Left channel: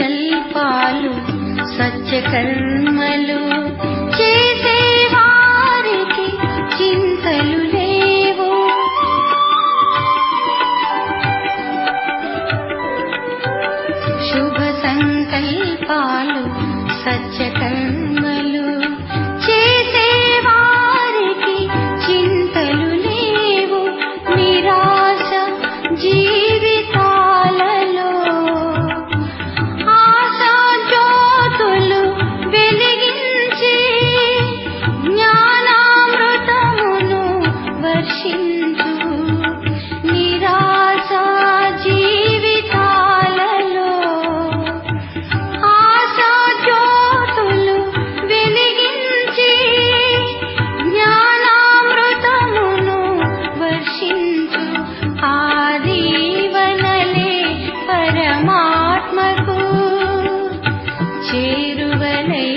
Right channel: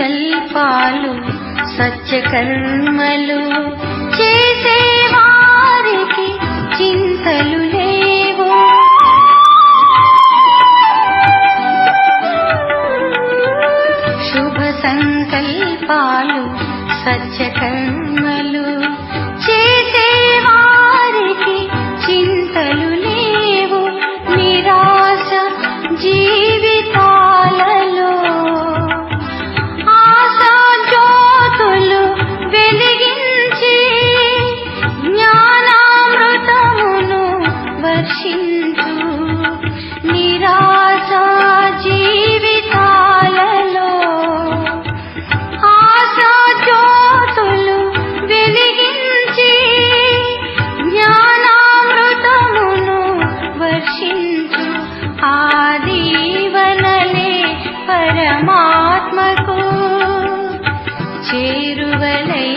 సంకల్పాలు సంచకర్మలు చేసేవారికి చింతలు లేవు. శుభ సంకల్పాలు సంచకర్మలు చేసేవారికి చింతలు లేవు. నిరాశ జీవితాలలో ఆశా జ్యోతులు వెలిగించి జ్ఞానామృతమును వర్షించు. నిరాశ జీవితాలలో ఆశా జ్యోతులు వెలిగించి జ్ఞానామృతమును వర్షించు. ఆ దీవెనలే పరమాత్మకు చేరువలై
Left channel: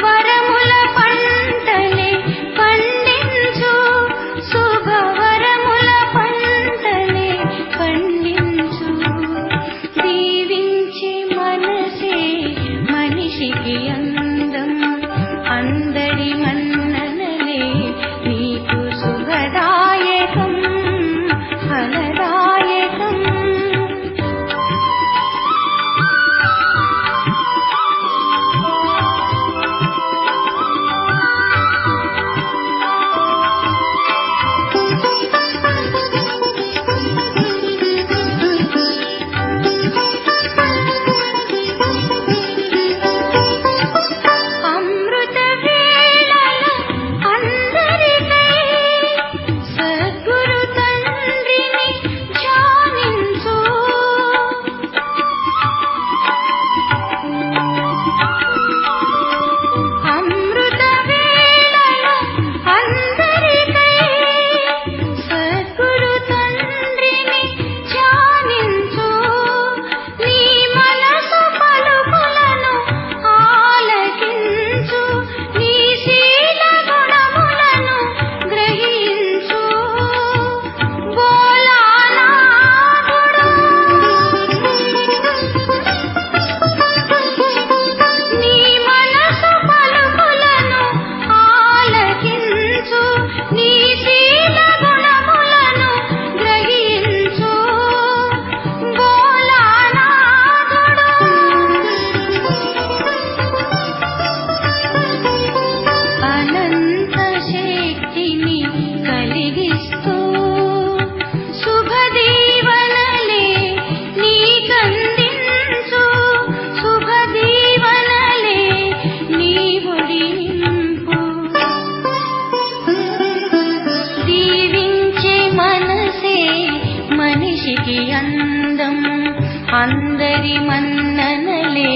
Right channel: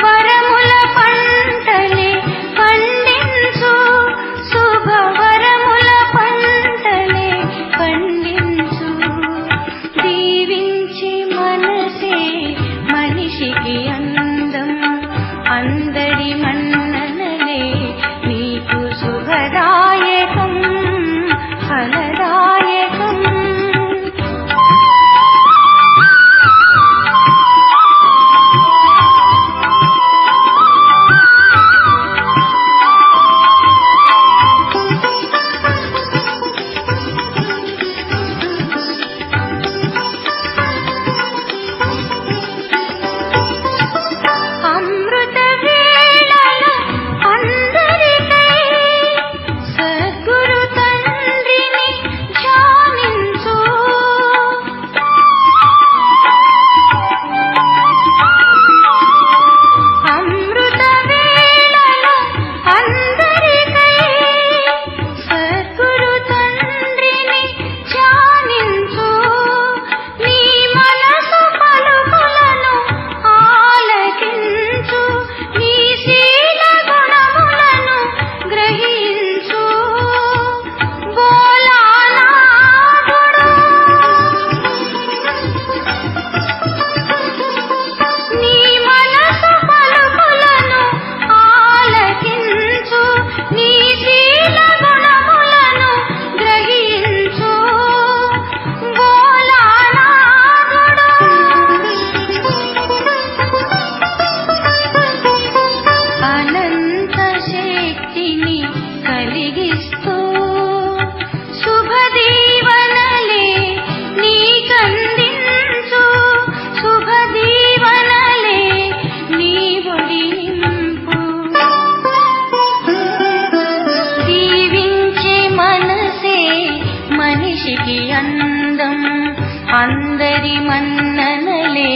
వరముల పంటలే పండించు. శుభవరముల పంటలే పండించు. దీవించి మనసే మనిషికి అందం. అందరి మన్ననలే నీకు శుభదాయకం ఫలదాయకం. అమృత వేళలో అందరికై సద్గురు తండ్రిని ధ్యానించు. అమృత వేళలో అందరికై సద్గురు తండ్రిని ధ్యానించు. నీ మనసు పలుకులను ఆలకించు. నీ శీల గుణములను గ్రహించు. నీ మనసు పలుకులను ఆలకించు. నీ శీల గుణములను గ్రహించు. అనంత శక్తిని కలిగిస్తూ శుభ దీవెనలే నీకందించు. శుభ దీవెనలే నీవుని నింపు. దీవించే మనసే మనిషికి అందం. అందరి మన్ననలే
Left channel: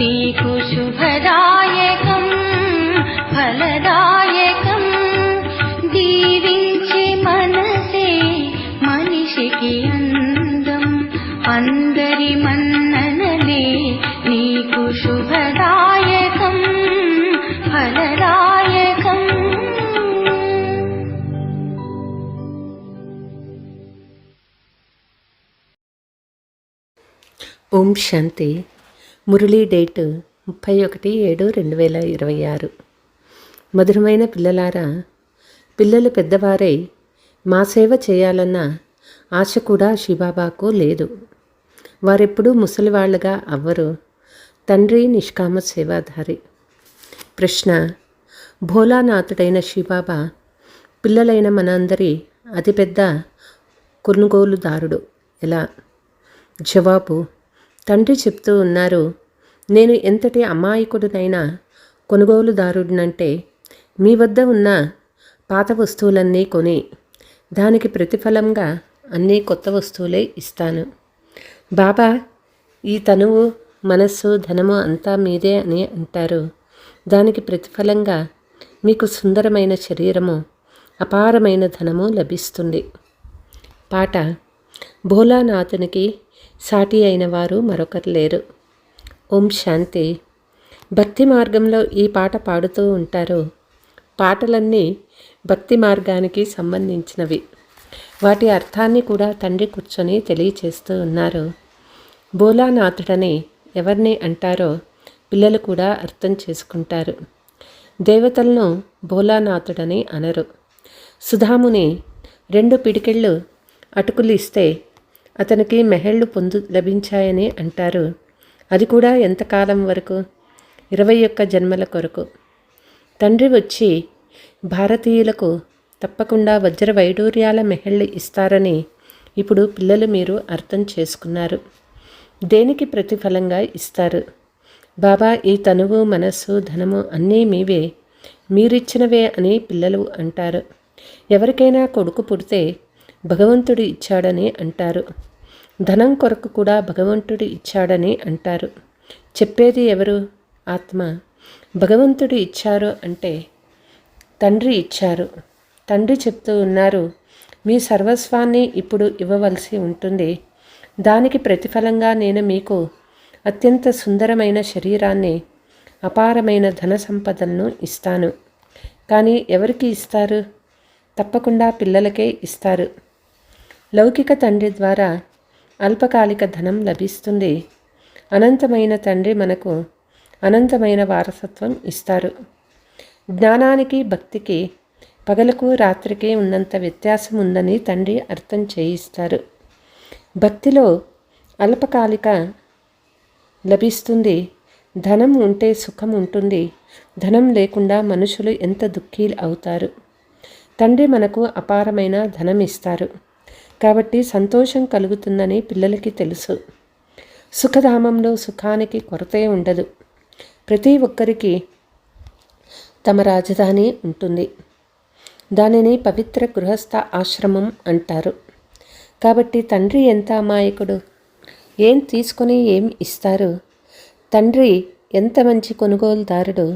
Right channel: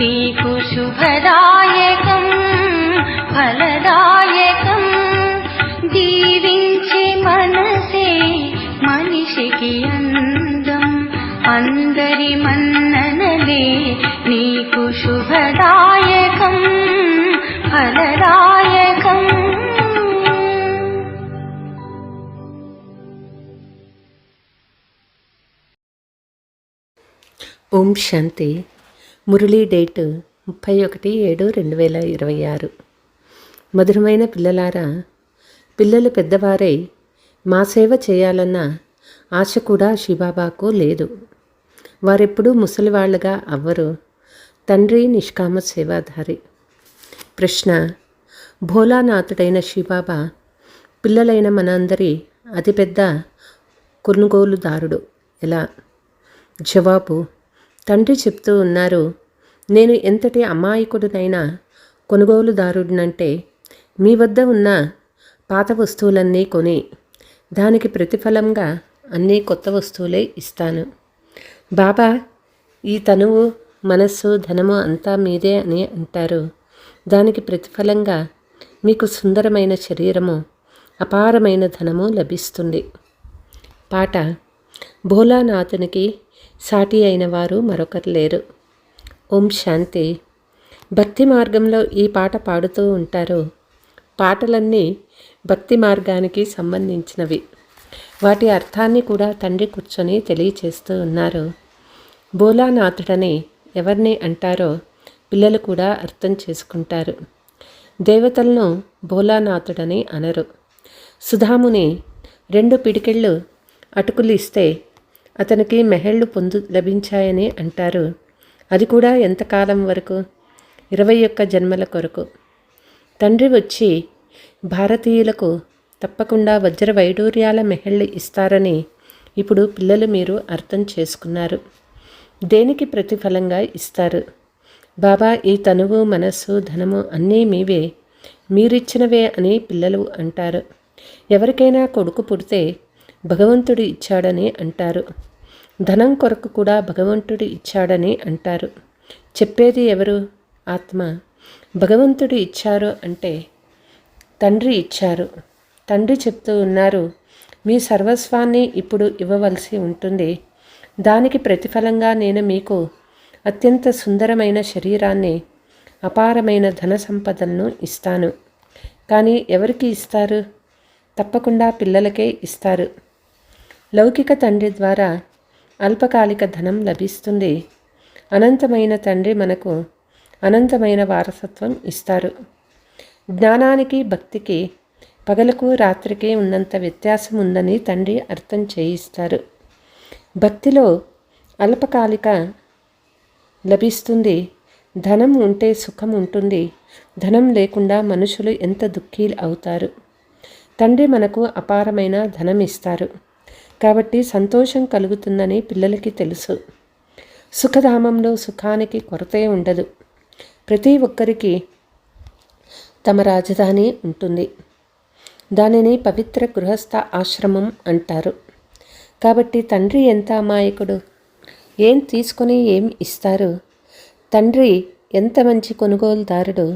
నీకు శుభదాయకం ఫలదాయకం. దీవించే మనసే మనిషికి అందం. అందరి మన్ననలే నీకు శుభదాయకం ఫలదాయకం. ఓం శాంతి. మురళీ డేట్ 31/7/2026. మధురమైన పిల్లలారా, పిల్లలు పెద్దవారై మా సేవ చేయాలన్న ఆశ కూడా శివబాబాకు లేదు. వారెప్పుడూ ముసలివాళ్లుగా అవ్వరు. తండ్రి నిష్కామ సేవాధారి. ప్రశ్న: భోలానాథుడైన శివబాబా పిల్లలైన మనందరి అతిపెద్ద కొనుగోలుదారుడు ఎలా? జవాబు: తండ్రి చెప్తూ ఉన్నారు, నేను ఎంతటి అమాయకుడినైనా కొనుగోలుదారుడినంటే మీ వద్ద ఉన్న పాత వస్తువులన్నీ కొని దానికి ప్రతిఫలంగా అన్నీ కొత్త వస్తువులే ఇస్తాను. బాబా ఈ తనువు, మనస్సు, ధనము అంతా మీదే అని అంటారు. దానికి ప్రతిఫలంగా మీకు సుందరమైన శరీరము, అపారమైన ధనము లభిస్తుంది. పాట: భోలానాథునికి సాటి అయిన వారు మరొకరు లేరు. ఓం శాంతి. భక్తి మార్గంలో ఈ పాట పాడుతూ ఉంటారు. పాటలన్నీ భక్తి మార్గానికి సంబంధించినవి. వాటి అర్థాన్ని కూడా తండ్రి కూర్చొని తెలియచేస్తూ ఉన్నారు. భోలానాథుడని ఎవరిని అంటారో పిల్లలు కూడా అర్థం చేసుకుంటారు. దేవతలను భోలానాథుడని అనరు. సుధాముని 2 పిడికిళ్ళు అటుకులు ఇస్తే అతనికి మెహళ్ళు లభించాయని అంటారు. అది కూడా ఎంతకాలం వరకు? 21 జన్మల కొరకు. తండ్రి వచ్చి భారతీయులకు తప్పకుండా వజ్ర వైడూర్యాల మెహళ్ళు ఇస్తారని ఇప్పుడు పిల్లలు మీరు అర్థం చేసుకున్నారు. దేనికి ప్రతిఫలంగా ఇస్తారు? బాబా, ఈ తనువు, మనస్సు, ధనము అన్నీ మీవే, మీరిచ్చినవే అని పిల్లలు అంటారు. ఎవరికైనా కొడుకు పుడితే భగవంతుడు ఇచ్చాడని అంటారు. ధనం కొరకు కూడా భగవంతుడు ఇచ్చాడని అంటారు. చెప్పేది ఎవరు? ఆత్మ. భగవంతుడు ఇచ్చారు అంటే తండ్రి ఇచ్చారు. తండ్రి చెప్తూ ఉన్నారు, మీ సర్వస్వాన్ని ఇప్పుడు ఇవ్వవలసి ఉంటుంది. దానికి ప్రతిఫలంగా నేను మీకు అత్యంత సుందరమైన శరీరాన్ని, అపారమైన ధన సంపదలను ఇస్తాను. కానీ ఎవరికి ఇస్తారు? తప్పకుండా పిల్లలకే ఇస్తారు. లౌకిక తండ్రి ద్వారా అల్పకాలిక ధనం లభిస్తుంది. అనంతమైన తండ్రి మనకు అనంతమైన వారసత్వం ఇస్తారు. జ్ఞానానికి, భక్తికి, పగలకు రాత్రికి ఉన్నంత వ్యత్యాసం ఉందని తండ్రి అర్థం చేయిస్తారు. భక్తిలో అల్పకాలిక లభిస్తుంది. ధనం ఉంటే సుఖం ఉంటుంది. ధనం లేకుండా మనుషులు ఎంత దుఃఖీ అవుతారు. తండ్రి మనకు అపారమైన ధనం ఇస్తారు కాబట్టి సంతోషం కలుగుతుందని పిల్లలకి తెలుసు. సుఖధామంలో సుఖానికి కొరతే ఉండదు. ప్రతి ఒక్కరికి తమ రాజధాని ఉంటుంది. దానిని పవిత్ర గృహస్థ ఆశ్రమం అంటారు. కాబట్టి తండ్రి ఎంత అమాయకుడు! ఏం తీసుకొని ఏం ఇస్తారు? తండ్రి ఎంత మంచి కొనుగోలుదారుడు!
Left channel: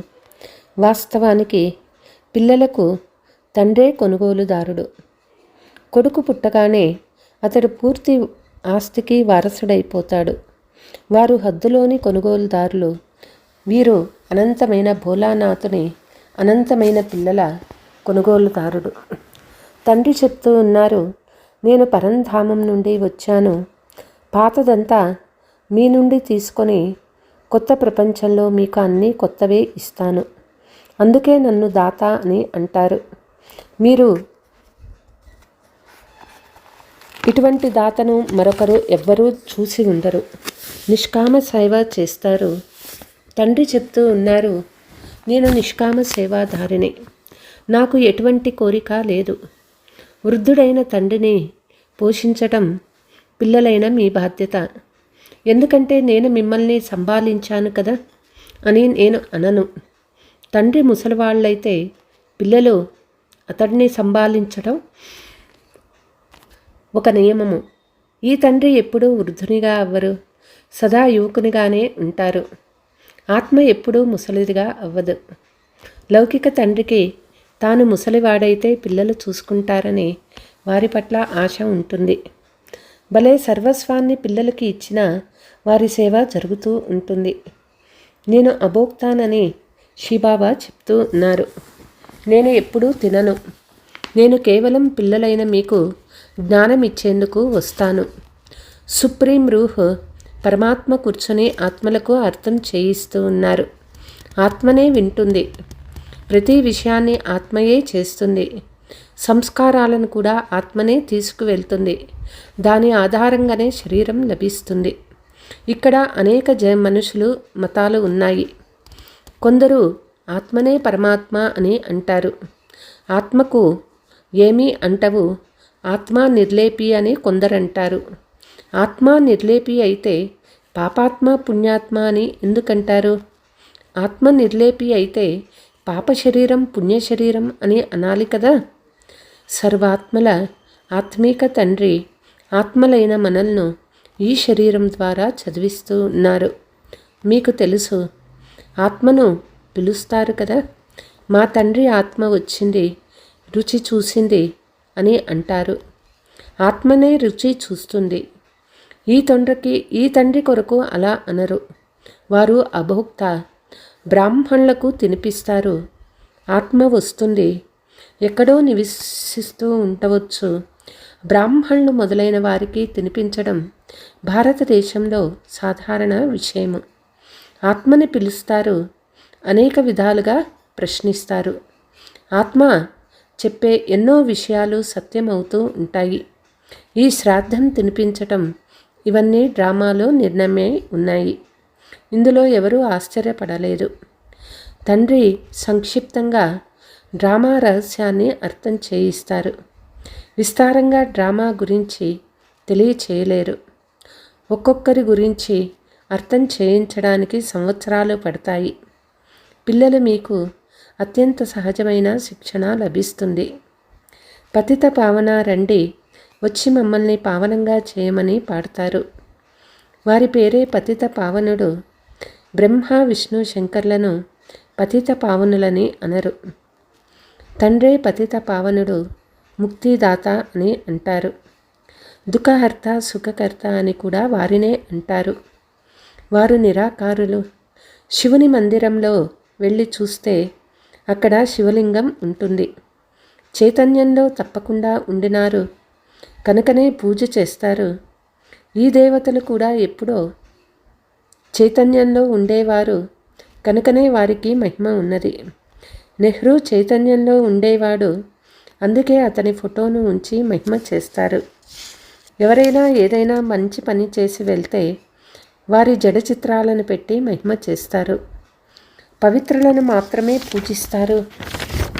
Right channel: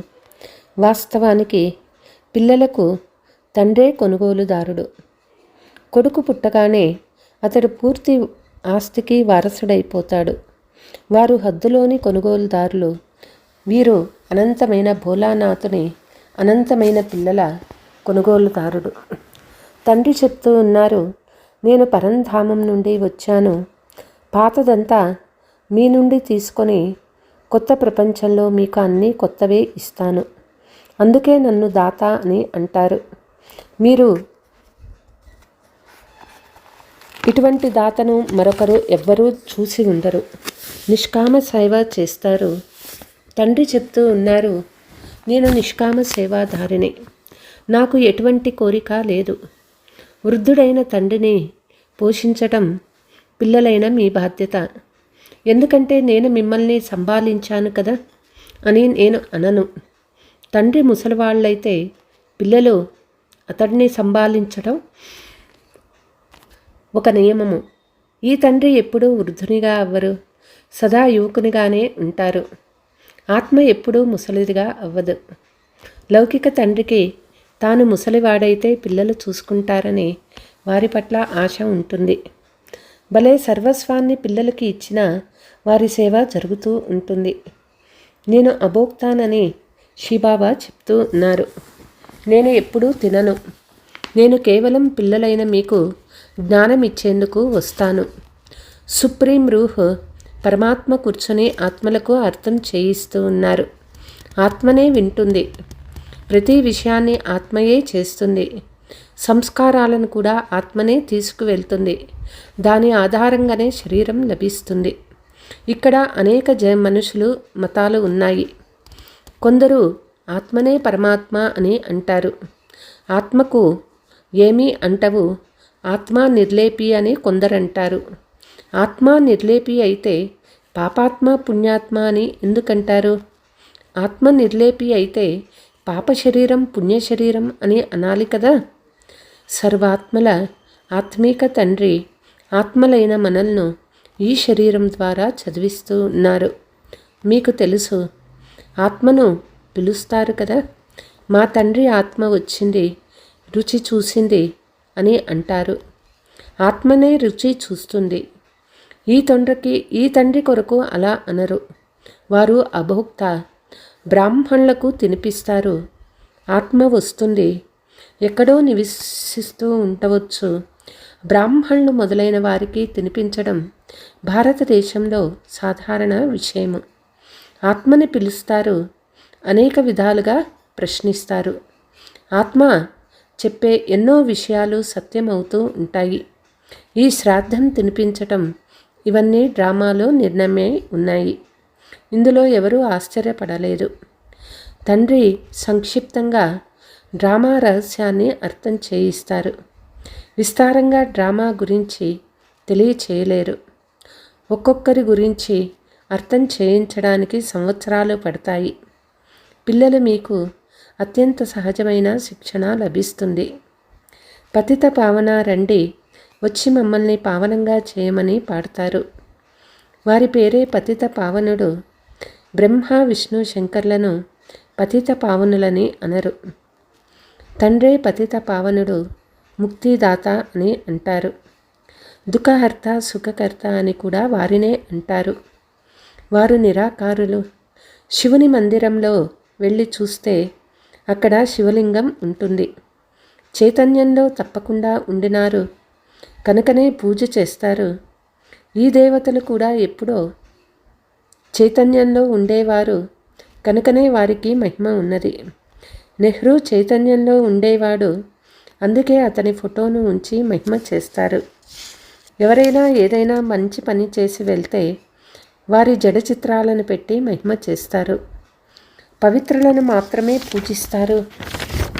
వాస్తవానికి పిల్లలకు తండ్రే కొనుగోలుదారుడు. కొడుకు పుట్టగానే అతడు పూర్తి ఆస్తికి వారసుడైపోతాడు. వారు హద్దులోని కొనుగోలుదారులు. వీరు అనంతమైన భోలానాథుని అనంతమైన పిల్లల కొనుగోలుదారుడు. తండ్రి చెప్తూ ఉన్నారు, నేను పరంధామం నుండి వచ్చాను. పాతదంతా మీ నుండి తీసుకొని కొత్త ప్రపంచంలో మీకు అన్నీ కొత్తవే ఇస్తాను. అందుకే నన్ను దాత అని అంటారు. మీరు ఇటువంటి దాతను మరొకరు ఎవ్వరూ చూసి ఉండరు. నిష్కామ సేవ చేస్తారు. తండ్రి చెప్తూ ఉన్నారు, నేను నిష్కామ సేవాధారిని. నాకు ఎటువంటి కోరిక లేదు. వృద్ధుడైన తండ్రిని పోషించటం పిల్లలైన మీ బాధ్యత. ఎందుకంటే నేను మిమ్మల్ని సంభాళించాను కదా అని నేను అనను. తండ్రి ముసలివాళ్ళైతే పిల్లలు అతడిని సంభాళించడం ఒక నియమము. ఈ తండ్రి ఎప్పుడూ వృద్ధునిగా అవ్వరు, సదా యువకునిగానే ఉంటారు. ఆత్మ ఎప్పుడూ ముసలిదిగా అవ్వదు. లౌకిక తండ్రికి తాను ముసలివాడైతే పిల్లలు చూసుకుంటారని వారి పట్ల ఆశ ఉంటుంది. భలే సర్వస్వాన్ని పిల్లలకి ఇచ్చిన వారి సేవ జరుగుతూ ఉంటుంది. నేను అభోక్తానని శివబాబా చెప్తూ ఉన్నారు. నేను ఎప్పుడూ తినను. నేను కేవలం పిల్లలైన మీకు జ్ఞానం ఇచ్చేందుకు వస్తాను. సుప్రీం రూహ్ పరమాత్మ కూర్చొని ఆత్మలకు అర్థం చేయిస్తూ ఉన్నారు. ఆత్మనే వింటుంది. ప్రతి విషయాన్ని ఆత్మయే చేస్తుంది. సంస్కారాలను కూడా ఆత్మనే తీసుకువెళ్తుంది. దాని ఆధారంగానే శరీరం లభిస్తుంది. ఇక్కడ అనేక మనుషులు మతాలు ఉన్నాయి. కొందరు ఆత్మనే పరమాత్మ అని అంటారు. ఆత్మకు ఏమీ అంటవు, ఆత్మ నిర్లేపి అని కొందరంటారు. ఆత్మ నిర్లేపి అయితే పాపాత్మ పుణ్యాత్మ అని ఎందుకంటారు? ఆత్మ నిర్లేపి అయితే పాప శరీరం పుణ్య శరీరం అని అనాలి కదా. సర్వాత్మల ఆత్మీక తండ్రి ఆత్మలైన మనల్ని ఈ శరీరం ద్వారా చదివిస్తూ ఉన్నారు. మీకు తెలుసు, ఆత్మను పిలుస్తారు కదా. మా తండ్రి ఆత్మ వచ్చింది, రుచి చూసింది అని అంటారు. ఆత్మనే రుచి చూస్తుంది. ఈ తండ్రి కొరకు అలా అనరు. వారు అభోక్త. బ్రాహ్మణులకు తినిపిస్తారు. ఆత్మ వస్తుంది, ఎక్కడో నివసిస్తూ ఉండవచ్చు. బ్రాహ్మణులు మొదలైన వారికి తినిపించడం భారతదేశంలో సాధారణ విషయము. ఆత్మని పిలుస్తారు, అనేక విధాలుగా ప్రశ్నిస్తారు. ఆత్మ చెప్పే ఎన్నో విషయాలు సత్యమవుతూ ఉంటాయి. ఈ శ్రాద్ధం తినిపించటం ఇవన్నీ డ్రామాలో నిర్ణయమై ఉన్నాయి. ఇందులో ఎవరూ ఆశ్చర్యపడలేదు. తండ్రి సంక్షిప్తంగా డ్రామా రహస్యాన్ని అర్థం చేయిస్తారు. విస్తారంగా డ్రామా గురించి తెలియచేయలేరు. ఒక్కొక్కరి గురించి అర్థం చేయించడానికి సంవత్సరాలు పడతాయి. పిల్లలు మీకు అత్యంత సహజమైన శిక్షణ లభిస్తుంది. పతిత పావన రండి, వచ్చి మమ్మల్ని పావనంగా చేయమని పాడతారు. వారి పేరే పతిత పావనుడు. బ్రహ్మ విష్ణు శంకర్లను పతిత పావనులని అనరు. తండ్రే పతిత పావనుడు, ముక్తిదాత అని అంటారు. దుఃఖహర్త సుఖకర్త అని కూడా వారినే అంటారు. వారు నిరాకారులు. శివుని మందిరంలో వెళ్ళి చూస్తే అక్కడ శివలింగం ఉంటుంది. చైతన్యంలో తప్పకుండా ఉండినారు కనుకనే పూజ చేస్తారు. ఈ దేవతలు కూడా ఎప్పుడో చైతన్యంలో ఉండేవారు కనుకనే వారికి మహిమ ఉన్నది. నెహ్రూ చైతన్యంలో ఉండేవాడు, అందుకే అతని ఫోటోను ఉంచి మహిమ చేస్తారు. ఎవరైనా ఏదైనా మంచి పని చేసి వెళ్తే వారి జడ చిత్రాలను పెట్టి మహిమ చేస్తారు. పవిత్రులను మాత్రమే పూజిస్తారు,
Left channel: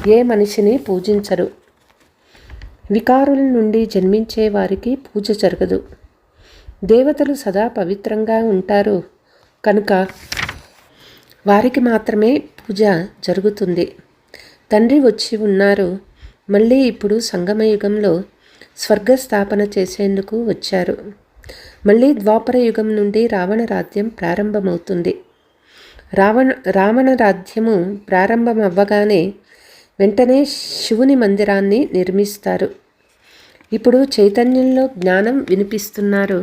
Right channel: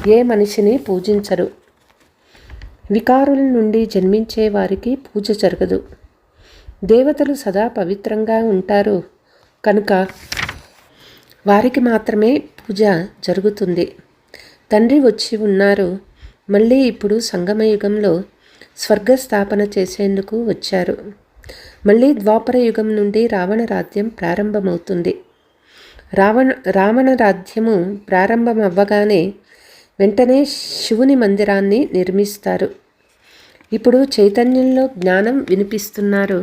ఏ మనిషిని పూజించరు. వికారుల నుండి జన్మించే వారికి పూజ జరగదు. దేవతలు సదా పవిత్రంగా ఉంటారు కనుక వారికి మాత్రమే పూజ జరుగుతుంది. తండ్రి వచ్చి ఉన్నారు, మళ్ళీ ఇప్పుడు సంగమయుగంలో స్వర్గస్థాపన చేసేందుకు వచ్చారు. మళ్ళీ ద్వాపర యుగం నుండి రావణ రాజ్యం ప్రారంభమవుతుంది. రావణ రాజ్యము ప్రారంభమవ్వగానే వెంటనే శివుని మందిరాన్ని నిర్మిస్తారు. ఇప్పుడు చైతన్యంలో జ్ఞానం వినిపిస్తున్నారు.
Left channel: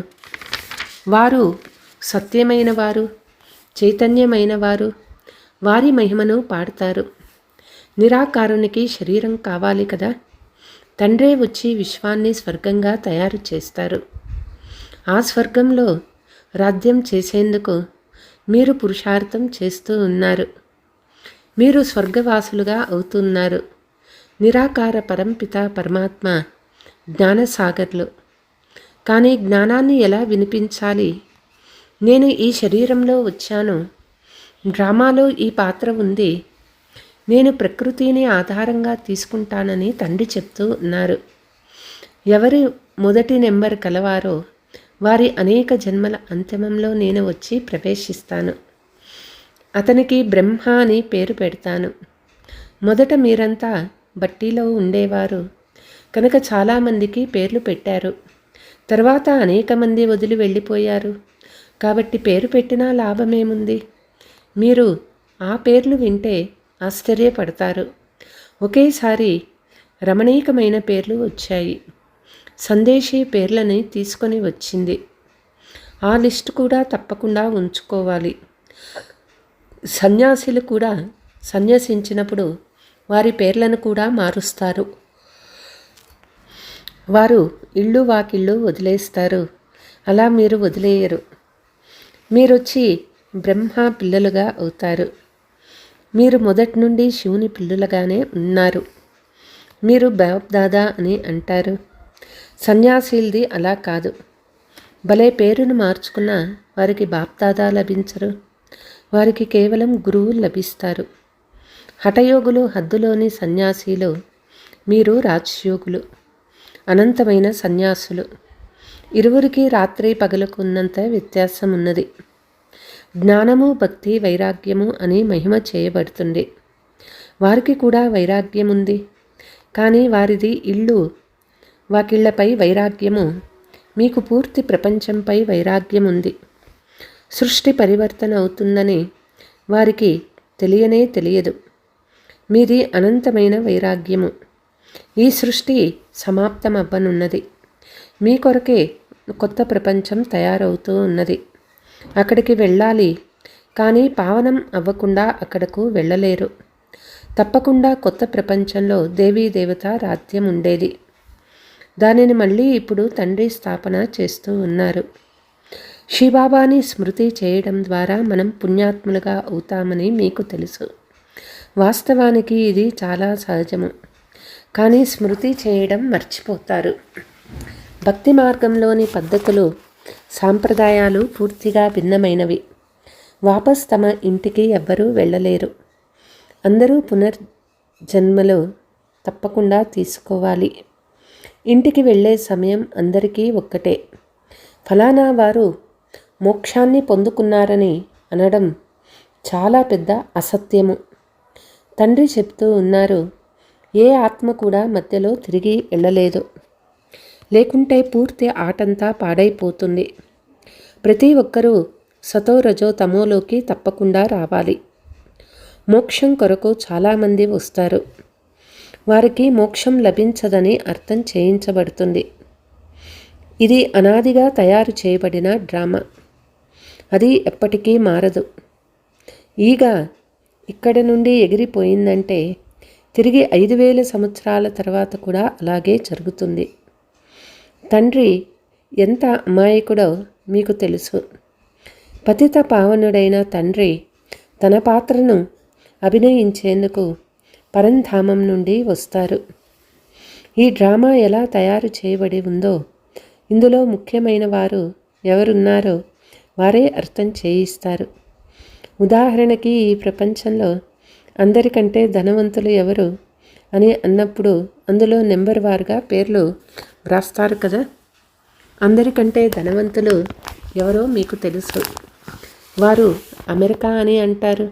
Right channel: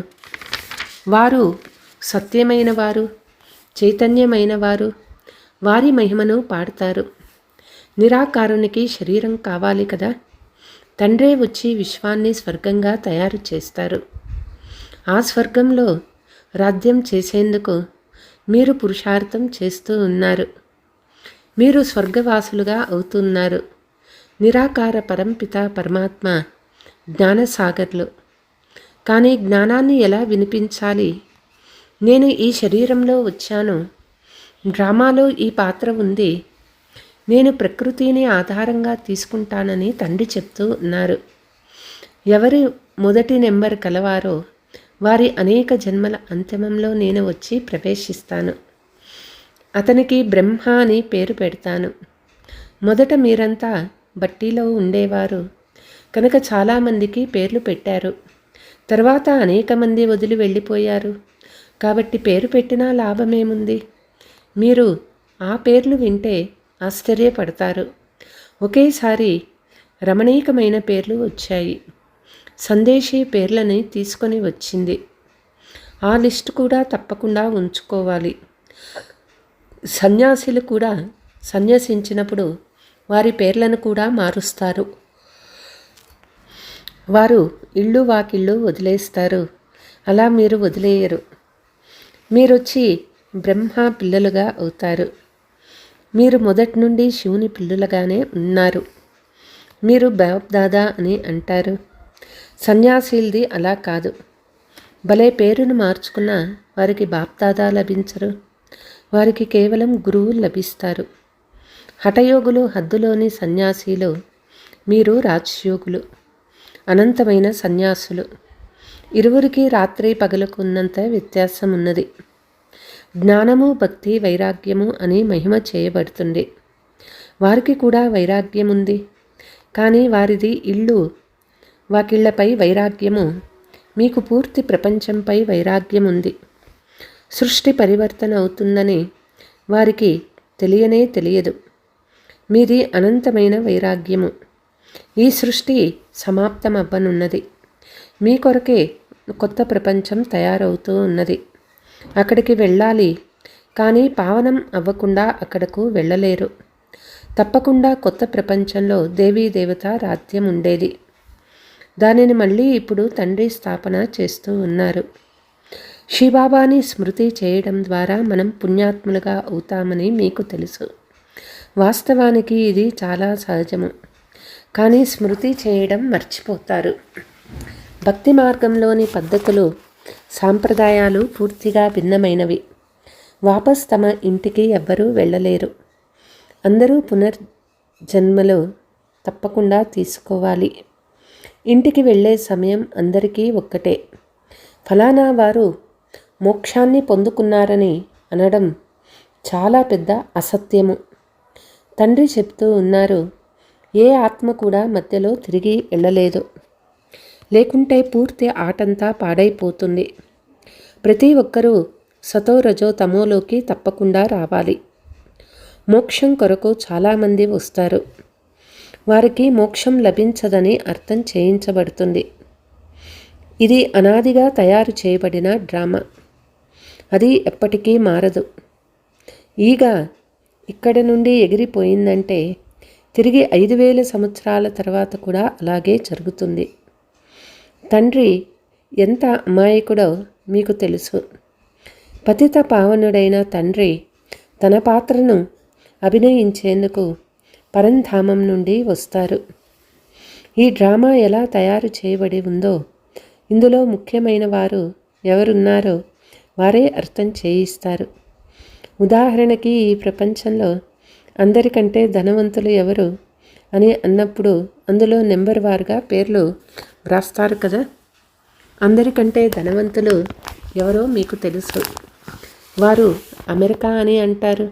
వారు సత్యమైన వారు, చైతన్యమైన వారు, వారి మహిమను పాడతారు. నిరాకారునికి శరీరం కావాలి కదా, తండ్రే వచ్చి విశ్వాన్ని స్వర్గంగా తయారు చేస్తారు. ఆ స్వర్గంలో రాజ్యం చేసేందుకు మీరు పురుషార్థం చేస్తూ ఉన్నారు. మీరు స్వర్గవాసులుగా అవుతున్నారు. నిరాకార పరంపిత పరమాత్మ జ్ఞానసాగర్లు. కానీ జ్ఞానాన్ని ఎలా వినిపించాలి? నేను ఈ శరీరంలో వచ్చాను, డ్రామాలో ఈ పాత్ర ఉంది, నేను ప్రకృతిని ఆధారంగా తీసుకుంటానని తండ్రి చెప్తూ ఉన్నారు. ఎవరు మొదటి నెంబర్ కలవారో వారి అనేక జన్మల అంతిమంలో నేను వచ్చి ప్రవేశిస్తాను. అతనికి బ్రహ్మ అని పేరు పెడతాను. మొదట మీరంతా బట్టీలో ఉండేవారు కనుక చాలామందికి పేర్లు పెట్టారు. తర్వాత అనేక మంది వదిలి వెళ్ళిపోయారు కాబట్టి పేరు పెట్టినా లాభమేముంది? మీరు ఆ పేర్లు వింటే ఆశ్చర్యపడతారు. ఒకేసారి రమణీకమైన పేర్లు వచ్చాయి. సందేశీ పేర్లని తీసుకొని వచ్చింది. ఆ లిస్టు కూడా తప్పకుండా ఉంచుకోవాలి. సన్యాసులు కూడా సన్యసించినప్పుడు వారి పేర్లను కూడా మారుస్తారు. వారు ఇళ్ళు వాకిళ్ళు వదిలేస్తారు. అలా మీరు వదిలేయరు. మీరొచ్చి బ్రహ్మ పిల్లలుగా అవుతారు. మీరు మొదటి నుండి శివుని పిల్లలుగానే ఉన్నారు. మీరు బాప్ దాదా అని అంటారు. సన్యాసీలది అలా కాదు. భలే పేరును మార్చుకున్న వారికి బాప్ దాదా లభించరు. వారికి కేవలం గురువులు లభిస్తారు. హఠయోగులు హద్దులోని సన్యాసీలు, మీరు రాజయోగులు, అనంతమైన సన్యాసులు. ఇరువురికి రాత్రి పగలకు ఉన్నంత వ్యత్యాసం ఉన్నది. జ్ఞానము భక్తి వైరాగ్యము అని మహిమ చేయబడుతుంది. వారికి కూడా వైరాగ్యం ఉంది. కానీ వారిది ఇళ్ళు వాకిళ్లపై వైరాగ్యము, మీకు పూర్తి ప్రపంచంపై వైరాగ్యం ఉంది. సృష్టి పరివర్తన అవుతుందని వారికి తెలియనే తెలియదు. మీది అనంతమైన వైరాగ్యము. ఈ సృష్టి సమాప్తమవ్వనున్నది. మీ కొరకే కొత్త ప్రపంచం తయారవుతూ ఉన్నది. అక్కడికి వెళ్ళాలి, కానీ పావనం అవ్వకుండా అక్కడకు వెళ్ళలేరు. తప్పకుండా కొత్త ప్రపంచంలో దేవీ దేవత రాజ్యం ఉండేది. దానిని మళ్ళీ ఇప్పుడు తండ్రి స్థాపన చేస్తూ ఉన్నారు. శివబాబాని స్మృతి చేయడం ద్వారా మనం పుణ్యాత్ములుగా అవుతామని మీకు తెలుసు. వాస్తవానికి ఇది చాలా సహజము, కానీ స్మృతి చేయడం మర్చిపోతారు. భక్తి మార్గంలోని పద్ధతులు, సాంప్రదాయాలు పూర్తిగా భిన్నమైనవి. వాపస్ తమ ఇంటికి ఎవ్వరూ వెళ్ళలేరు. అందరూ పునర్జన్మలు తప్పకుండా తీసుకోవాలి. ఇంటికి వెళ్ళే సమయం అందరికీ ఒక్కటే. ఫలానా వారు మోక్షాన్ని పొందుకున్నారని అనడం చాలా పెద్ద అసత్యము. తండ్రి చెప్తూ ఉన్నారు, ఏ ఆత్మ కూడా మధ్యలో తిరిగి వెళ్ళలేదు, లేకుంటే పూర్తి ఆటంతా పాడైపోతుంది. ప్రతి ఒక్కరూ సతో రజో తమోలోకి తప్పకుండా రావాలి. మోక్షం కొరకు చాలామంది వస్తారు. వారికి మోక్షం లభించదని అర్థం చేయించబడుతుంది. ఇది అనాదిగా తయారు చేయబడిన డ్రామా. అది ఎప్పటికీ మారదు. ఈగ ఇక్కడ నుండి ఎగిరిపోయిందంటే తిరిగి 5000 సంవత్సరాల తర్వాత కూడా అలాగే జరుగుతుంది. తండ్రి ఎంత అమాయకుడో మీకు తెలుసు. పతిత పావనుడైన తండ్రి తన పాత్రను అభినయించేందుకు పరంధామం నుండి వస్తారు. ఈ డ్రామా ఎలా తయారు చేయబడి ఉందో ఇందులో ముఖ్యమైన వారు ఎవరున్నారో వారే అర్థం చేయిస్తారు. ఉదాహరణకి, ఈ ప్రపంచంలో అందరికంటే ధనవంతులు ఎవరు అని అన్నప్పుడు అందులో నెంబర్ వారుగా పేర్లు వ్రాస్తారు కదా. అందరికంటే ధనవంతులు ఎవరో మీకు తెలుసు. వారు అమెరికా అని అంటారు.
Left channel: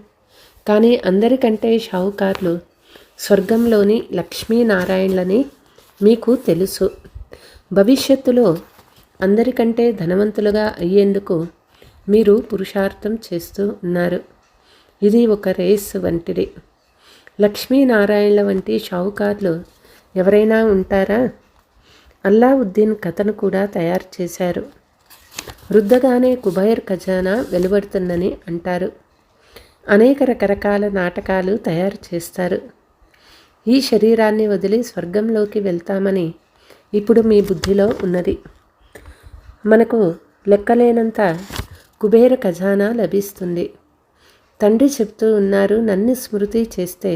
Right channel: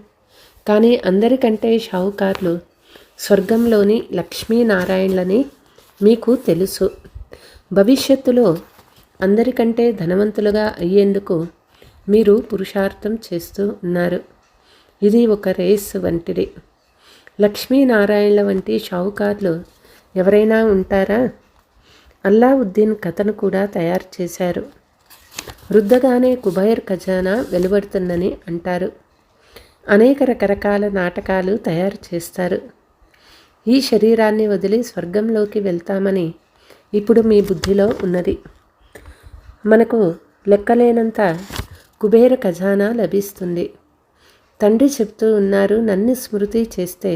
కానీ అందరికంటే షావుకార్లు స్వర్గంలోని లక్ష్మీనారాయణలని మీకు తెలుసు. భవిష్యత్తులో అందరికంటే ధనవంతులుగా అయ్యేందుకు మీరు పురుషార్థం చేస్తూ ఉన్నారు. ఇది ఒక రేస్ వంటిది. లక్ష్మీనారాయణల వంటి షావుకార్లు ఎవరైనా ఉంటారా? అల్లావుద్దీన్ కథను కూడా తయారు చేశారు. రుద్దగానే కుబైర్ ఖజానా వెలువడుతుందని అంటారు. అనేక రకరకాల నాటకాలు తయారు చేస్తారు. ఈ శరీరాన్ని వదిలి స్వర్గంలోకి వెళ్తామని ఇప్పుడు మీ బుద్ధిలో ఉన్నది. మనకు లెక్కలేనంత కుబేర ఖజానా లభిస్తుంది. తండ్రి చెప్తూ ఉన్నారు, నన్ను స్మృతి చేస్తే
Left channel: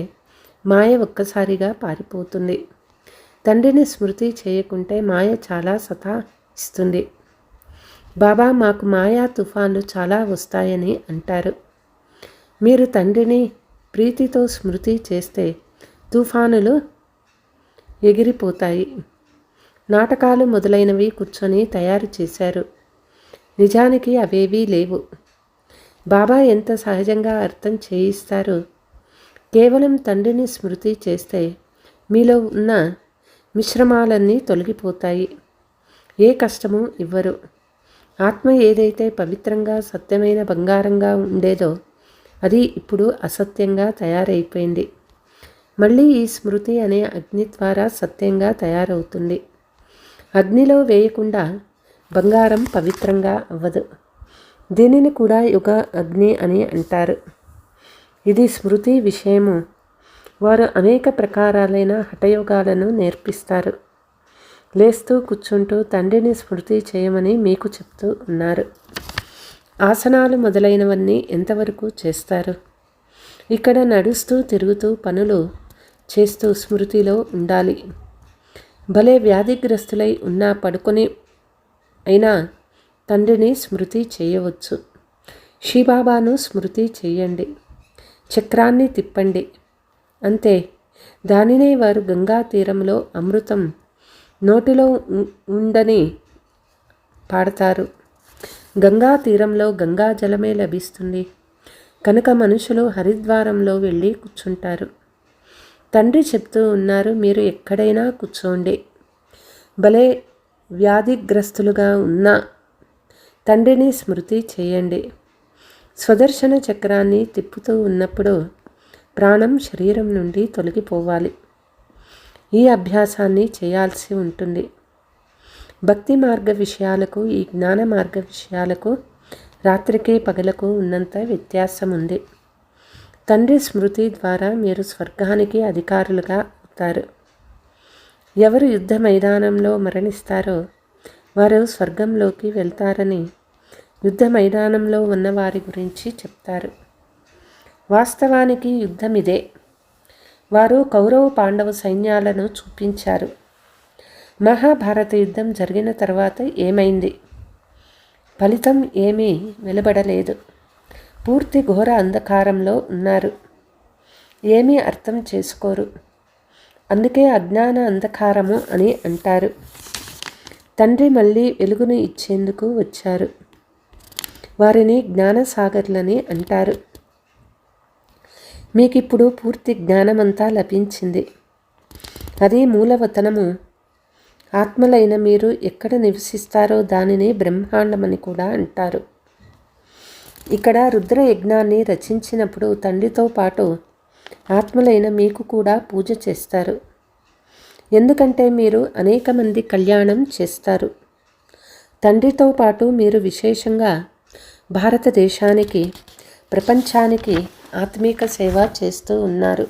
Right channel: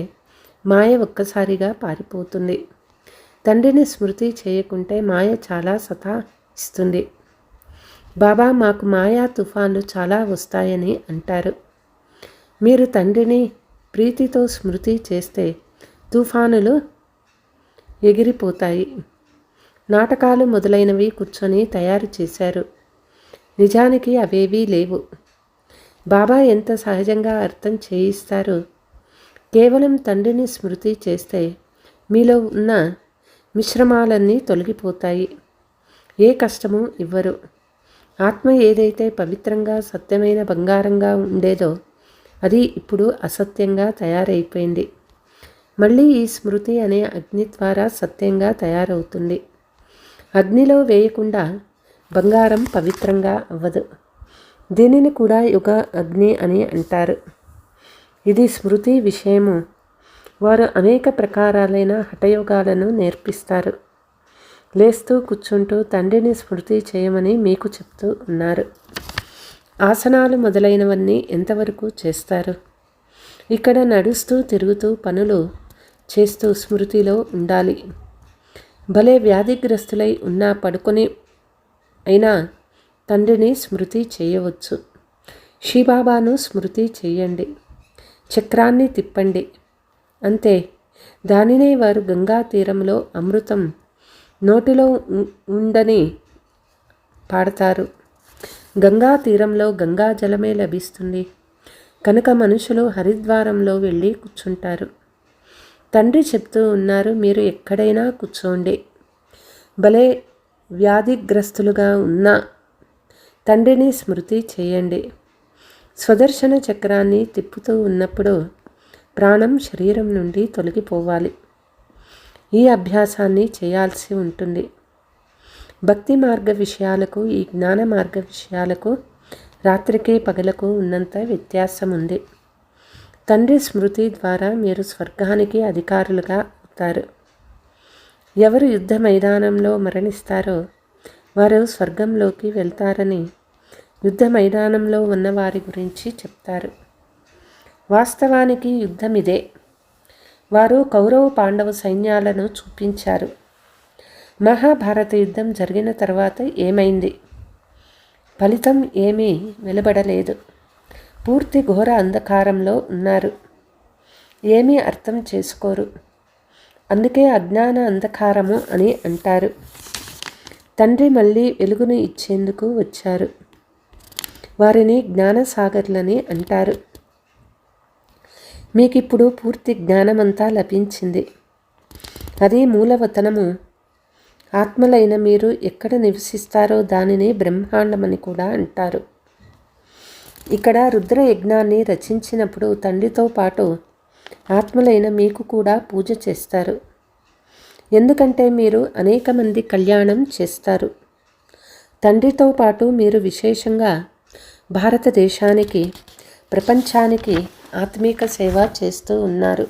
మాయ ఒక్కసారిగా పారిపోతుంది. తండ్రిని స్మృతి చేయకుంటే మాయ చాలా సతాయిస్తుంది. బాబా మాకు మాయా తుఫాన్లు చాలా వస్తాయని అంటారు. మీరు తండ్రిని ప్రీతితో స్మృతి చేస్తే తుఫానులు ఎగిరిపోతాయి. నాటకాలు మొదలైనవి కూర్చొని తయారు చేశారు. నిజానికి అవేవీ లేవు. బాబా ఎంత సహజంగా అర్థం చేయిస్తారు. కేవలం తండ్రిని స్మృతి చేస్తే మీలో ఉన్న మిశ్రమాలన్నీ తొలగిపోతాయి. ఏ కష్టము ఇవ్వరు. ఆత్మ ఏదైతే పవిత్రంగా సత్యమైన బంగారంగా ఉండేదో అది ఇప్పుడు అసత్యంగా తయారైపోయింది. మళ్ళీ ఈ స్మృతి అనే అగ్ని ద్వారా సత్యంగా తయారవుతుంది. అగ్నిలో వేయకుండా బంగారం పవిత్రంగా అవ్వదు. దీనిని కూడా యుగ అగ్ని అని అంటారు. ఇది స్మృతి విషయము. వారు అనేక ప్రకారాలైన హఠయోగాలను నేర్పిస్తారు. లేస్తూ కూర్చుంటూ తండ్రిని స్మృతి చేయమని మీకు చెప్తూ ఉన్నారు. ఆసనాలు మొదలైనవన్నీ ఎంతవరకు చేస్తారు? ఇక్కడ నడుస్తూ తిరుగుతూ పనులు చేస్తూ స్మృతిలో ఉండాలి. భలే వ్యాధిగ్రస్తులై ఉన్నా పడుకొని అయినా తండ్రిని స్మృతి చేయవచ్చు. శివబాబాను స్మృతి చేయండి. చక్రాన్ని తిప్పండి, అంతే. దానినే వారు గంగా తీరంలో అమృతం నోటిలో ఉండని పాడతారు. గంగా తీరంలో గంగా జలమే లభిస్తుంది కనుక మనుషులు హరిద్వారంలో వెళ్ళి కూర్చుంటారు. తండ్రి చెప్తూ ఉన్నారు, మీరు ఎక్కడైనా కూర్చోండి. భలే వ్యాధిగ్రస్తులుగా ఉన్నా తండ్రిని స్మృతి చేయండి. స్వదర్శన చక్రాన్ని తిప్పుతూ ఉన్నప్పుడు ప్రాణం శరీరం నుండి తొలగిపోవాలి. ఈ అభ్యాసాన్ని చేయాల్సి ఉంటుంది. భక్తి మార్గ విషయాలకు ఈ జ్ఞాన మార్గ విషయాలకు రాత్రికి పగలకు ఉన్నంత వ్యత్యాసం ఉంది. తండ్రి స్మృతి ద్వారా మీరు స్వర్గానికి అధికారులుగా అవుతారు. ఎవరు యుద్ధ మైదానంలో మరణిస్తారో వారు స్వర్గంలోకి వెళ్తారని యుద్ధ మైదానంలో ఉన్న వారి గురించి చెప్తారు. వాస్తవానికి యుద్ధం ఇదే. వారు కౌరవ పాండవ సైన్యాలను చూపించారు. మహాభారత యుద్ధం జరిగిన తర్వాత ఏమైంది? ఫలితం ఏమీ వెలువడలేదు. పూర్తి ఘోర అంధకారంలో ఉన్నారు. ఏమీ అర్థం చేసుకోరు. అందుకే అజ్ఞాన అంధకారము అని అంటారు. తండ్రి మళ్ళీ వెలుగును ఇచ్చేందుకు వచ్చారు. వారిని జ్ఞానసాగర్లని అంటారు. మీకిప్పుడు పూర్తి జ్ఞానమంతా లభించింది. అది మూలవతనము. ఆత్మలైన మీరు ఎక్కడ నివసిస్తారో దానిని బ్రహ్మాండమని కూడా అంటారు. ఇక్కడ రుద్రయజ్ఞాన్ని రచించినప్పుడు తండ్రితో పాటు ఆత్మలైన మీకు కూడా పూజ చేస్తారు. ఎందుకంటే మీరు అనేక మంది కళ్యాణం చేస్తారు. తండ్రితో పాటు మీరు విశేషంగా భారతదేశానికి, ప్రపంచానికి ఆత్మీక సేవ చేస్తూ ఉన్నారు.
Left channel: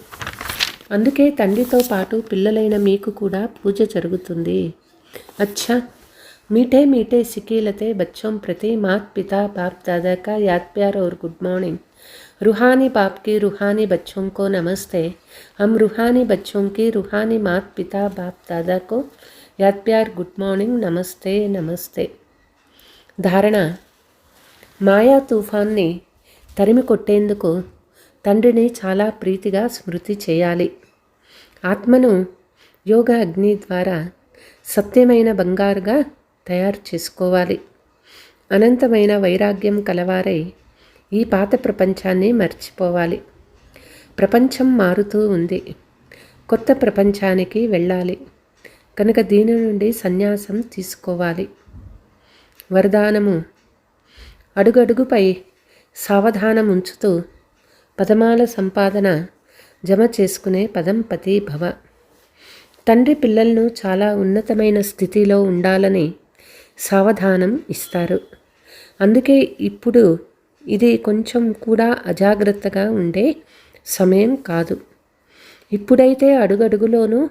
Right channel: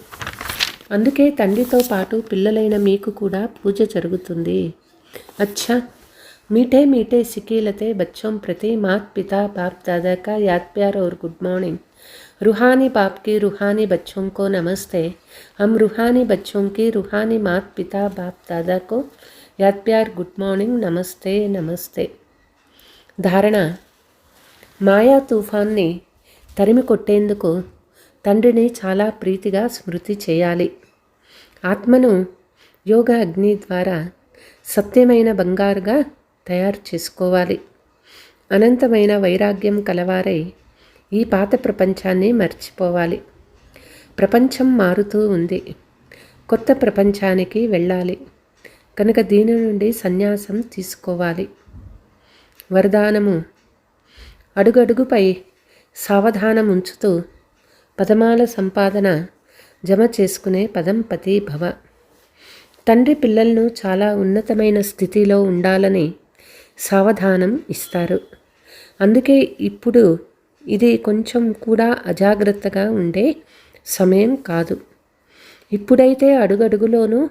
అందుకే తండ్రితో పాటు పిల్లలైన మీకు కూడా పూజ జరుగుతుంది. అచ్చా, मीठे मीठे सिकीलते बच्चों प्रति मात पिता बाप दादा का याद प्यार और गुड मॉर्निंग. रूहानी बाप की रूहानी बच्चों को नमस्ते. हम रूहानी बच्चों की रूहानी मात पिता बाप दादा को याद प्यार गुड मॉर्निंग नमस्ते नमस्ते. ధారణ: మాయా తుఫాన్ని తరిమి కొట్టేందుకు తండ్రిని చాలా ప్రీతిగా స్మృతి చేయాలి. ఆత్మను యోగ అగ్ని ద్వారా సత్యమైన బంగారుగా తయారు చేసుకోవాలి. అనంతమైన వైరాగ్యం కలవారై ఈ పాత ప్రపంచాన్ని మర్చిపోవాలి. ప్రపంచం మారుతూ ఉంది. కొత్త ప్రపంచానికి వెళ్ళాలి. కనుక దీని నుండి సన్యాసం తీసుకోవాలి. వరదానము: అడుగడుగుపై సావధానం ఉంచుతూ పదమాల సంపాదన జమ చేసుకునే పదంపతి భవ. తండ్రి పిల్లలను చాలా ఉన్నతమైన స్థితిలో ఉండాలని సావధానం ఇస్తారు. అందుకే ఇప్పుడు ఇది కొంచెం కూడా అజాగ్రత్తగా ఉండే సమయం కాదు. ఇప్పుడైతే అడుగడుగులోనూ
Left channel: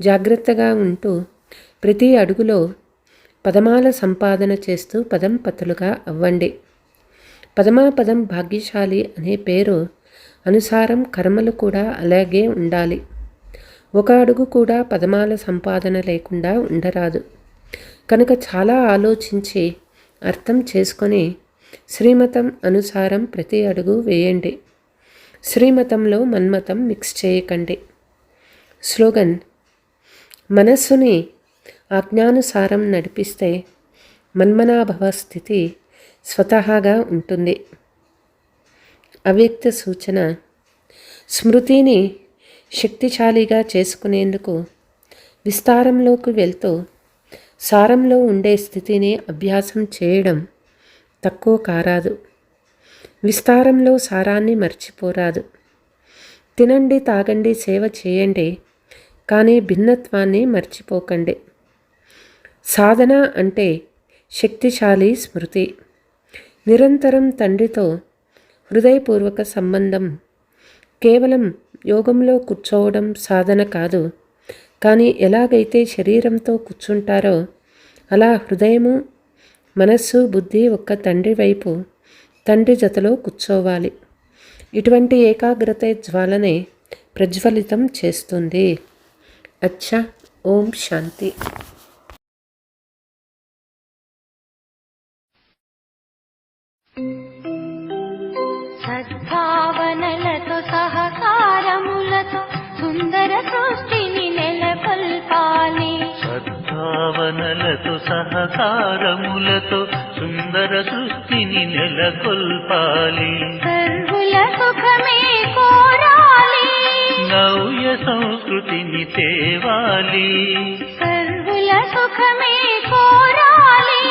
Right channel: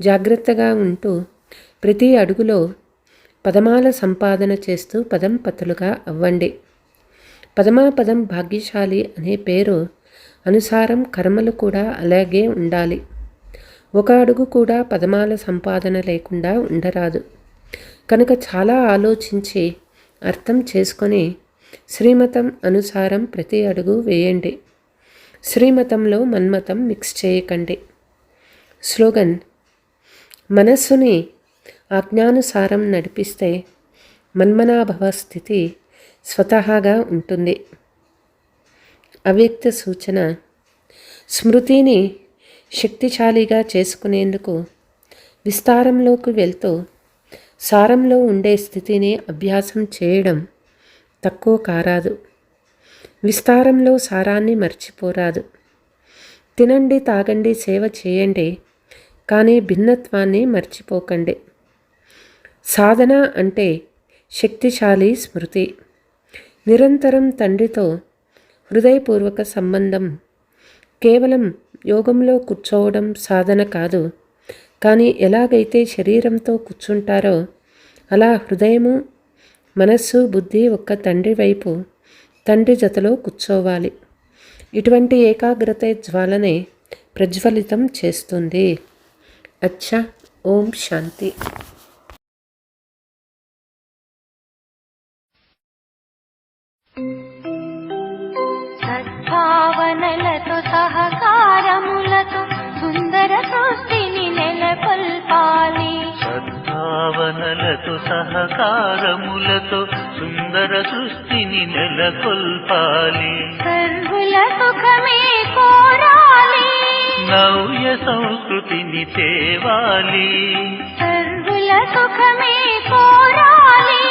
జాగ్రత్తగా ఉంటూ ప్రతి అడుగులో పదమాల సంపాదన చేస్తూ పదంపతులుగా అవ్వండి. పదమాపదం భాగ్యశాలి అనే పేరు అనుసారం కర్మలు కూడా అలాగే ఉండాలి. ఒక అడుగు కూడా పదమాల సంపాదన లేకుండా ఉండరాదు. కనుక చాలా ఆలోచించి అర్థం చేసుకొని శ్రీమతం అనుసారం ప్రతి అడుగు వేయండి. శ్రీమతంలో మన్మతం మిక్స్ చేయకండి. స్లోగన్: మనస్సుని ఆజ్ఞానుసారం నడిపిస్తే మన్మనాభవ స్థితి స్వతహాగా ఉంటుంది. అవ్యక్త సూచన: స్మృతిని శక్తిశాలిగా చేసుకునేందుకు విస్తారంలోకి వెళ్తూ సారంలో ఉండే స్థితిని అభ్యాసం చేయడం తక్కువ కారాదు. విస్తారంలో సారాన్ని మర్చిపోరాదు. తినండి, తాగండి, సేవ చేయండి, కానీ భిన్నత్వాన్ని మర్చిపోకండి. సాధన అంటే శక్తిశాలి స్మృతి. నిరంతరం తండ్రితో హృదయపూర్వక సంబంధం. కేవలం యోగంలో కూర్చోవడం సాధన కాదు. కానీ ఎలాగైతే శరీరంతో కూర్చుంటారో అలా హృదయము, మనస్సు, బుద్ధి ఒక్క తండ్రి వైపు, తండ్రి జతలో కూర్చోవాలి. ఇటువంటి ఏకాగ్రత జ్వాలనే ప్రజ్వలితం చేస్తుంది. అచ్చా, ఓం శాంతి. సద్భావనలతో సహకారములతో సుందర సృష్టిని నెలకొల్పాలి. సద్భావనలతో సహకారములతో సుందర సృష్టిని నెలకొల్పాలి. సర్వుల సుఖమే కోరాలి. నవ్య సంస్కృతిని తేవాలి. సర్వుల సుఖమే కోరాలి.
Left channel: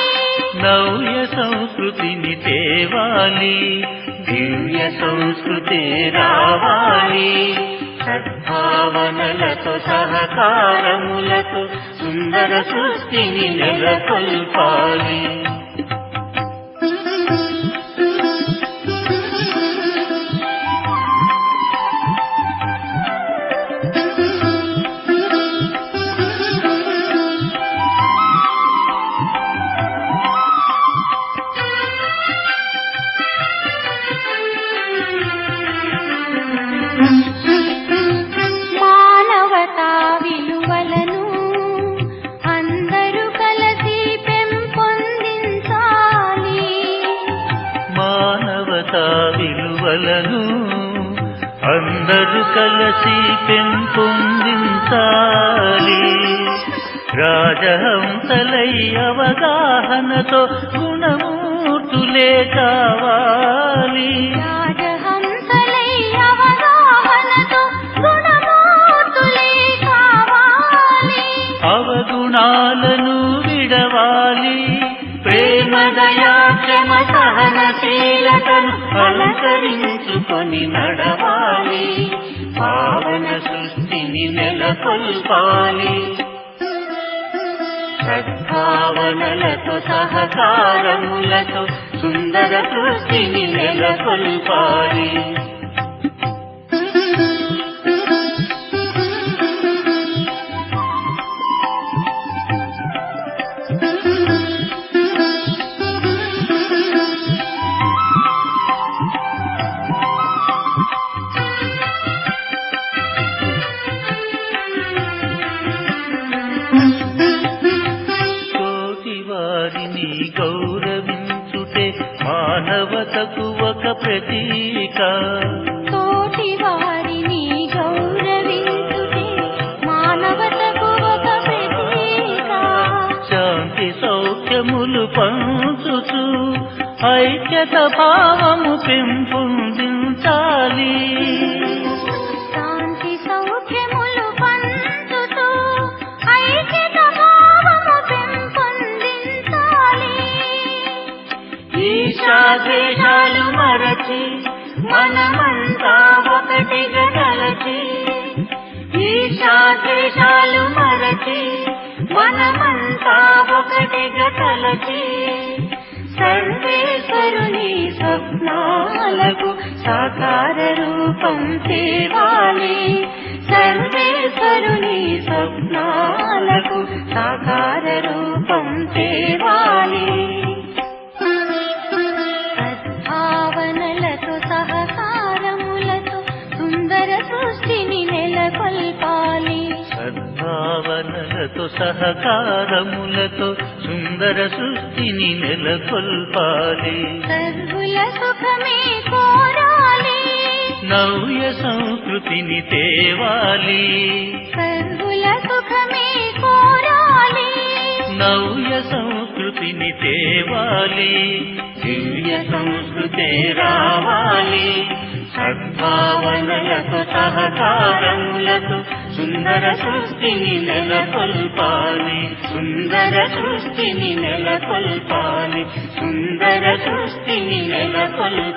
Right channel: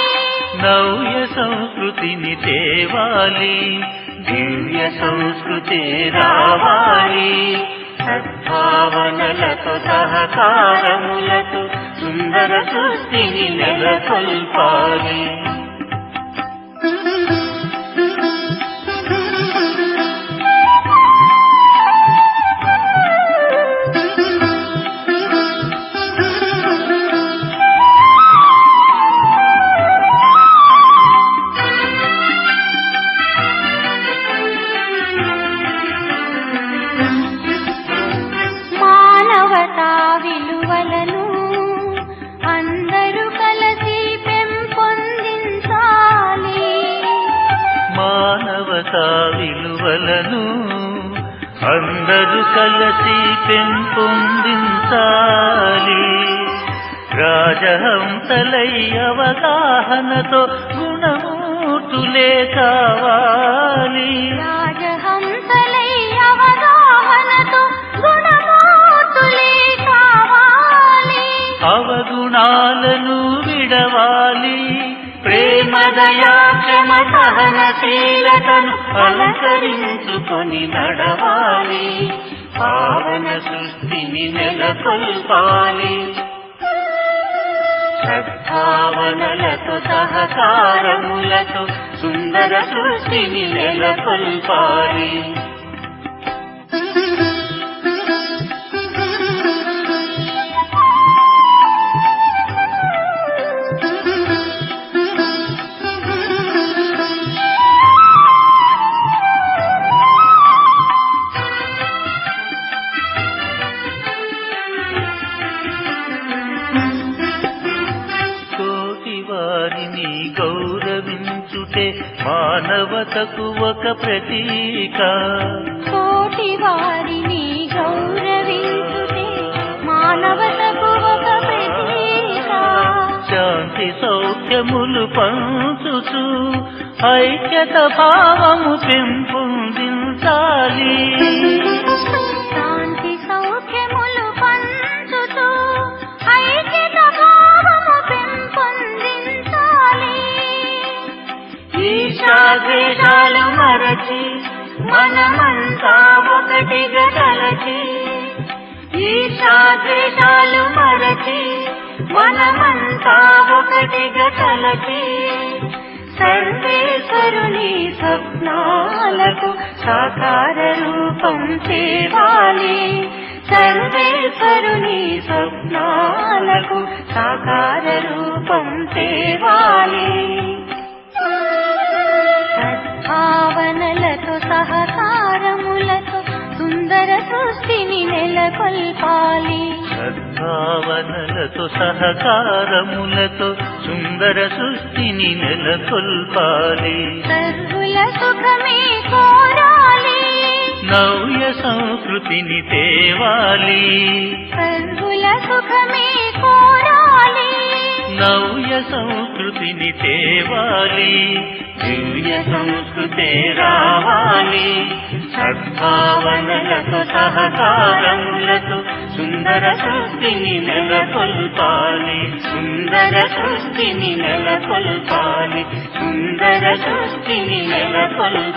నవ్య సంస్కృతిని తేవాలి. దివ్య సంస్కృతి రావాలి. సద్భావనలతో సహకారములతో సుందర సృష్టిని నెలకొల్పాలి. కళలను అందరూ కలిసి పెంపొందించాలి. రాజహంసలై అవగాహనతో గుణమూర్తులే కావాలి. రాజహంసలై అవగాహనతో గుణమూర్తులే కావాలి. అవగుణాలను విడవాలి. ప్రేమ దయా క్షమ సహనశీలతను అలంకరించుకొని నడవాలి. పావన సృష్టిని నెలకొల్పాలి. సద్భావనలతో సహకారములతో సుందర సృష్టిని నెలకొల్పాలి. తోటివారిని గౌరవించుటే మానవతకు ఒక ప్రతీక. తోటివారిని గౌరవించుటే మానవతకు ఒక ప్రతీక. శాంతి సౌఖ్యములు పంచుతూ ఐక్యత భావము పెంపొందించాలి. శాంతి సౌఖ్యములు పంచుతూ ఐక్యత భావము పెంపొందించాలి. ఈశాద్వేషాలు మరచి మనమంతా ఒకటిగా కలచి. ఈశాద్వేషాలు మరచి మనమంతా ఒకటిగా కలచి. సర్వేశ్వరుని స్వప్నాలకు సాకార రూపం తేవాలి. సర్వేశ్వరుని స్వప్నాలకు సాకార రూపం తేవాలి. సద్భావనలతో సహకారములతో సుందర సృష్టిని నెలకొల్పాలి. సద్భావనలతో సహకారములతో సుందర సృష్టిని నెలకొల్పాలి. సర్వుల సుఖమే కోరాలి. నవ్య సంస్కృతిని తేవాలి. సర్వుల సుఖమే కోరాలి. నవ్య సంస్కృతిని తేవాలి. దివ్య సంస్కృతే రావాలి. సద్భావనలతో సహకారములతో సుందర సృష్టిని నెలకొల్పాలి. సుందర సృష్టిని నెలకొల్పాలి. సుందర సృష్టిని నెలకొల్పాలి.